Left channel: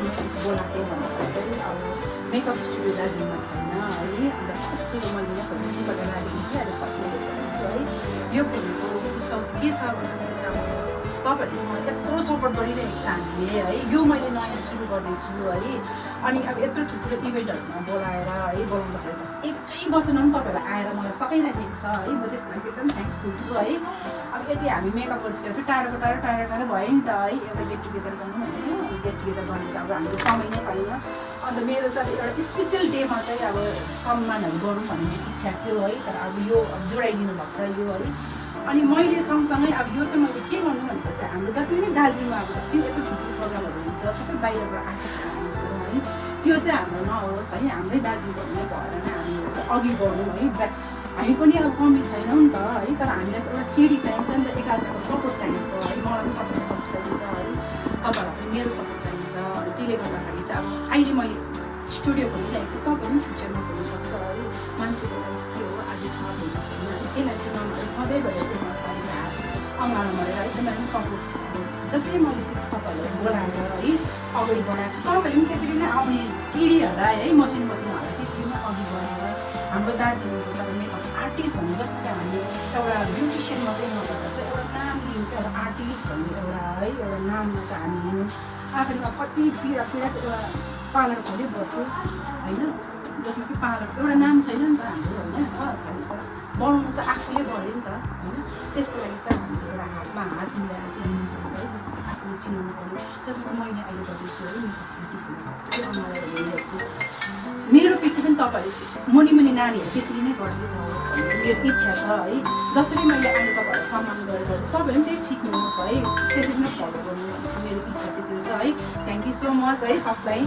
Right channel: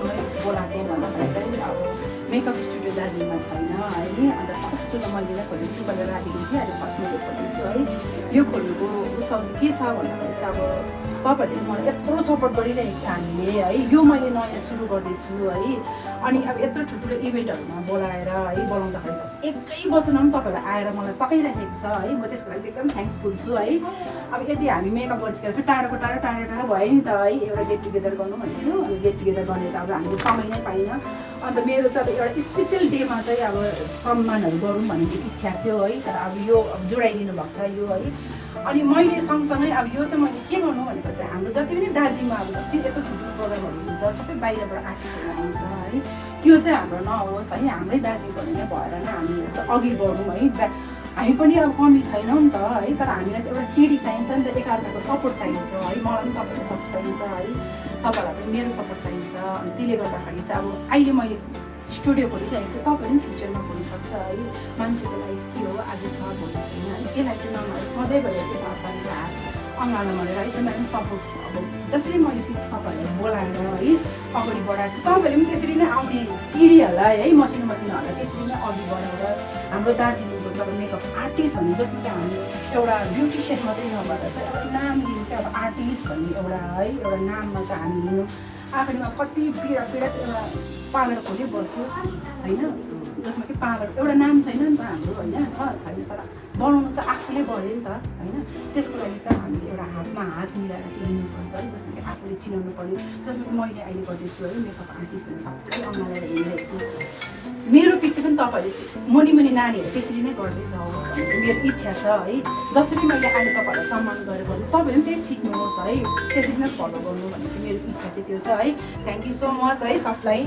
बोलाएको makeup studio दार्जिलिङमा छैन है अन्त फर्स्ट मैले खोल्छु गरेर लागेको थिएँ अहिले फर्स्टमा खोल्छु है यो खोल्नुको उत्सव चाहिँ के छ भन्दाखेरि चाहिँ अब तपाईँहरूले चाहिँ मलाई यत्रो सपोर्ट गरिरहेको छ हामीले है यो मैले नयाँ सुरु गर्दैछु है अनि अब यत्रो ठुल्ठुलो इभेन्टहरूमा बोलाएर है बनाउँदाखेरि एकै वर्षमा पनि तपाईँहरू आएर मलाई सघाइराखेको छ है म त्यसको लागि एकदम थ्याङ्क्सफुल छु है अब यदि हामी मेकअप गरिसकेर फेरि टाढो भयो नि त है एउटा गेट टुगेदर गर्नु भन्थ्यो गेट टुगेदर गर्ने त अब हामीले समय नै पाइनँ अन्त मेरो चाहिँ एउटा स्पेसल डेमा चाहिँ अब सम्मानहरू गरौँ भन्ने इच्छा थियो है तर अब यो जोडाइदिनु भएको छ यो है अनि मैले सँगसँगै अब यो चाहिँ मैले के गर्नु भनेको चाहिँ हाम्रो जति पनि दार्जिलिङमा अब जति यत्रो ठुल्ठुलो प्रोग्रामहरू हुन्छ सबै बाहिरबाट आर्टिस्टहरू आउँछ है त्यो चाहिँ हाम्रो नआउनुहोस् है हाम्रै दार्जिलिङबाट नै भएर नै हामीहरू चाहिँ अघि बढौँ है हामी पनि अब कमी छैनौँ नि त है तर हामीलाई चाहिँ एउटा सिडी चाहिन्छ नि त एकअर्काको सपोर्ट चाहिन्छ है मलाई पनि तपाईँको सपोर्ट चाहिन्छ है तपाईँहरूलाई पनि मेरो सपोर्ट चाहिन्छ अनि त्यसले गर्दाखेरि चाहिँ अब अहिले मैले स्टुडियो खोलिरहेको छु तपाईँ पनि फ्युचरमा हुनसक्छ है मान्छेको लागि के हो आज छ भन्ने छैन त्यसलाई चाहिँ नभएर सधैँभरि त्यसलाई चाहिँ हात अँगालो गरेर है त्यसलाई पनि सपोर्ट अब जसरी मैले तपाईँहरूलाई बोलाएर है अगाडि बढाएको छु तपाईँहरूले पनि त्यसरी नै आउने पिँढीहरूलाई है मसिनोहरूलाई त्यसरी नै अघि बढाएर हाम्रो दार्जिलिङको चाहिँ अब मेकअप आर्टिस्ट भन्ने जस्तो कि हामी एउटा ब्युटिसियन मात्रै नभएर चाहिँ एउटा नाम लिनु क्या अब आर्टिस्ट भन्ने एउटा है एउटा नाममा चाहिँ हामी लिनु आखिरमा कति पीडा चाहिँ एउटा पार्लर खोली बस्यो होइन जसमा कि पार्लर एउटा नाम छैन नि त हाम्रो होइन छैन बनाउनु चाहिँ आफूले गऱ्यो नि त होइन त्यसको लागि चाहिँ हामीले एउटा हात मिलाएर चाहिँ हिँड्नुपर्छ है जसमा कि आफूले चिनाउनु पऱ्यो जसमा मैले अहिले गर्दैछु है मेकअप आर्टिस्ट भन्ने सबै अनलाइन हेरिरहेको छु मेरो पछि पनि तपाईँहरूले मुनि नानीहरू त्यसरी नै गर्दै जानुहोस् भन्ने मेरो इच्छा छ है जसरी मैले अहिले तपाईँहरूलाई सम्मान गरेको छु तपाईँहरूले पनि त्यही सिक्नुहोस् है त्यसरी नै फलो गर्नु भन्ने चाहिँ मेरो इच्छा चाहिँ त्यो छ है थ्याङ्क यू सो मच है सबलाई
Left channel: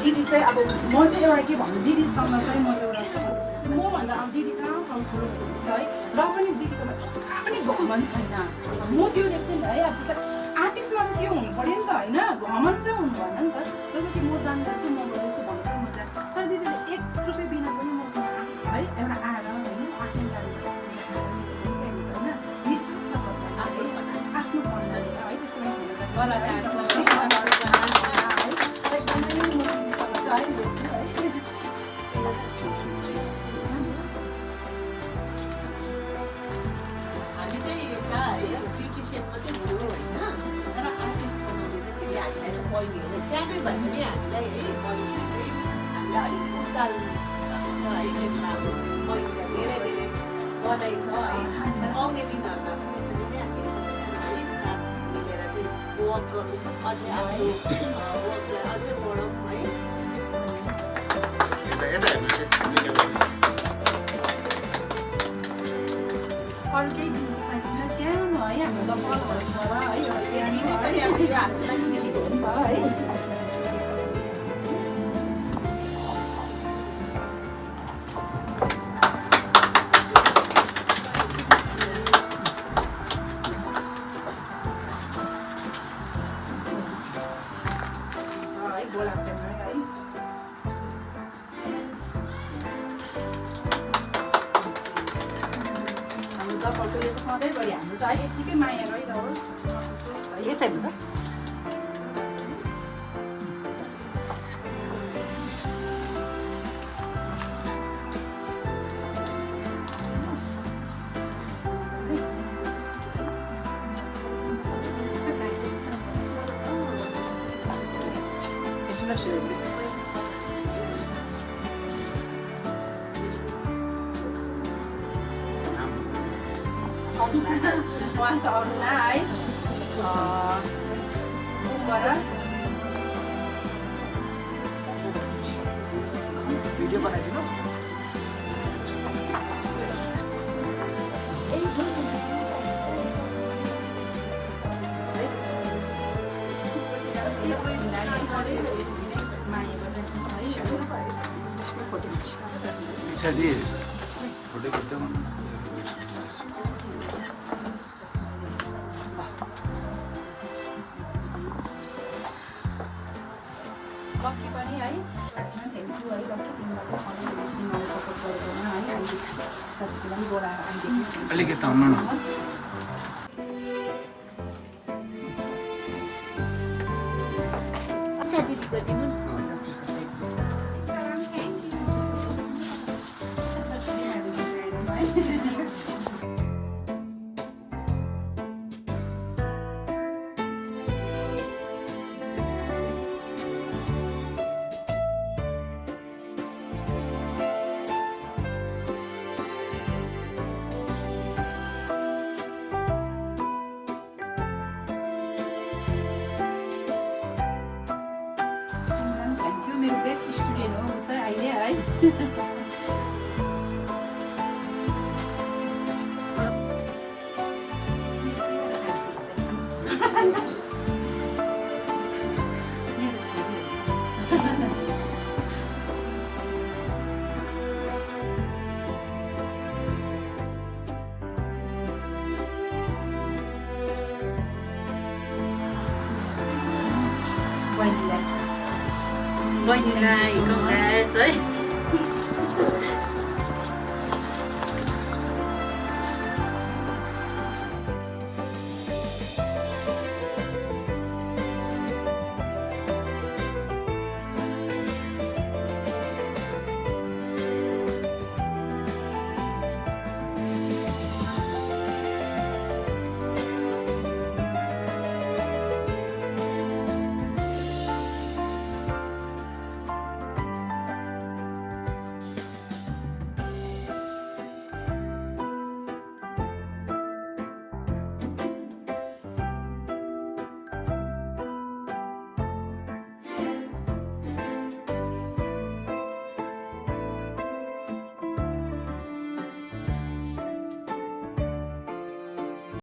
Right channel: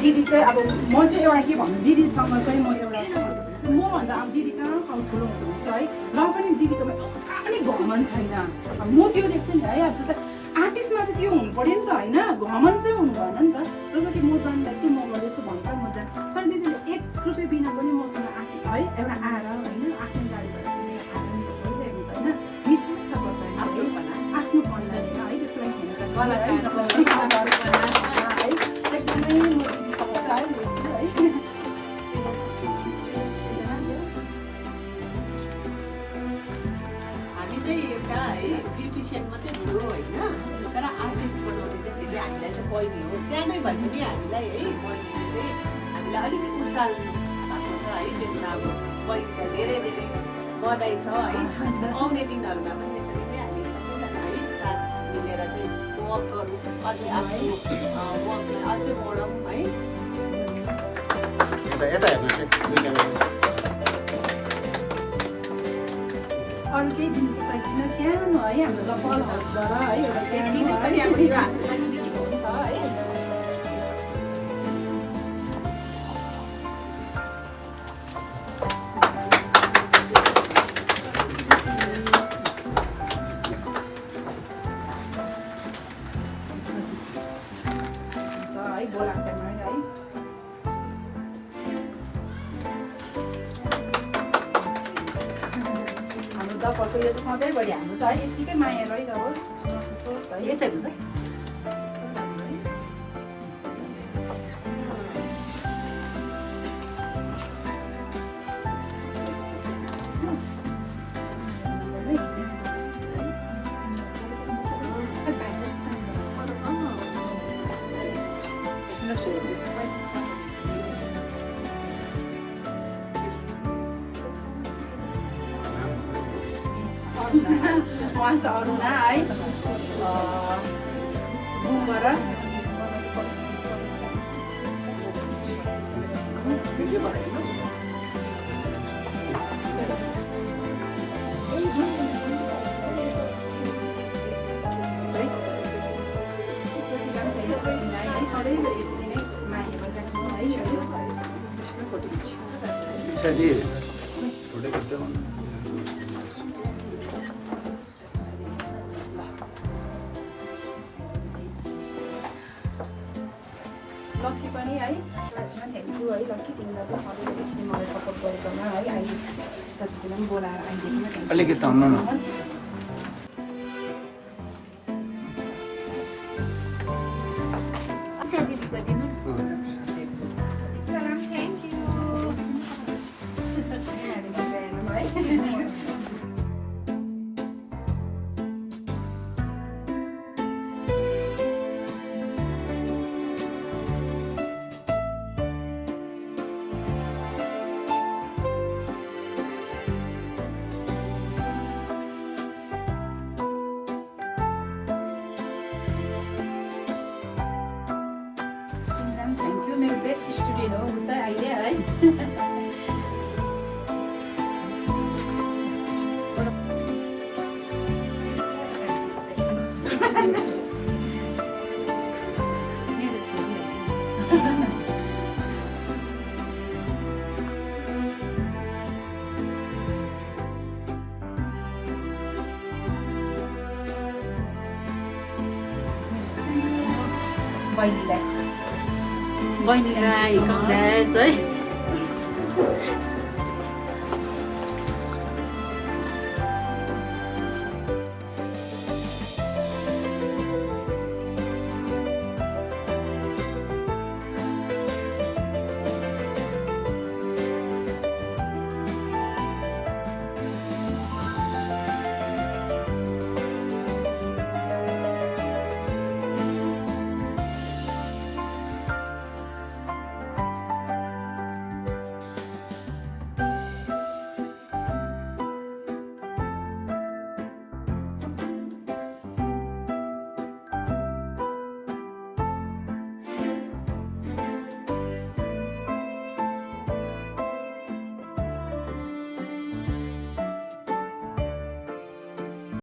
दिदी चाहिँ अब म चाहिँ एउटा के भन्नु दिदीसँग चाहिँ म एउटा मभन्दा अब दिदी कहाँ ठुलो हुनुहुन्छ है र पनि दिदीकोमा कहाँ पनि घमन छैन अब म त्यो देख्छु नि त है अब चाहिँ आर्टिस्टमा चाहिँ त्यो हुनु पऱ्यो नि त होइन घमन चाहिँ हुनु भएन नि त जस्तो कि म जान्दैछु म गर्दैछु भनेर म जान् तर दिदीले 1 रुपियाँ बिना पनि मसँग है एउटा आएर होइन आफ्नो गाडीबाट हुन्छ होइन निःशुल्क तपाईँ आफ्नो परिवार है त्यसको लागि ब्युटिसियन मात्रै थियो होइन तर आर्टिस्ट बनाउने चाहिँ फेरि हामीलाई चाहिँ पहिले हो सानै भए पनि हामीलाई है पहिले चाहिँ हामीलाई अलिकति उचाल भएको छ है त्यसमा अब पहिला धेरै धेरै बधाई छ है आउने दिनहरूमा पनि यसरी नै हामी सबैजना है साथ मिलेर चाहिँ वर्क गर्नु अझै आफ्नो वर्कलाई अझै बढाउँ है अरू केही दिनुको सकेको छैन सानो है हाम्रो कलहर्सबाट है एउटा सानो पनि अब यो हामीलाई पनि दिएको हो नि त है यो चाहिँ सधैँभरि हाम्रो चाहिँ है यत्तिकै माया गरिरहोस् है यतै हुन्छ उहाँ चाहिँ अरुणा है गुम्बर पछाडि फोटो खिच्दै लक्की पनि है थ्याङ्क यू है लक्की तिमीलाई पनि सबैले त्यसरी मलाई सपोर्ट गरेकोमा है अहिले साथीलाई पनि बोलाएर आइदिनु अलिकति आउनु न बेस्ट स्टुडेन्ट हो ऊ चाहिँ अहिले है मेरो छोरी हो बहिनीलाई Congrats, है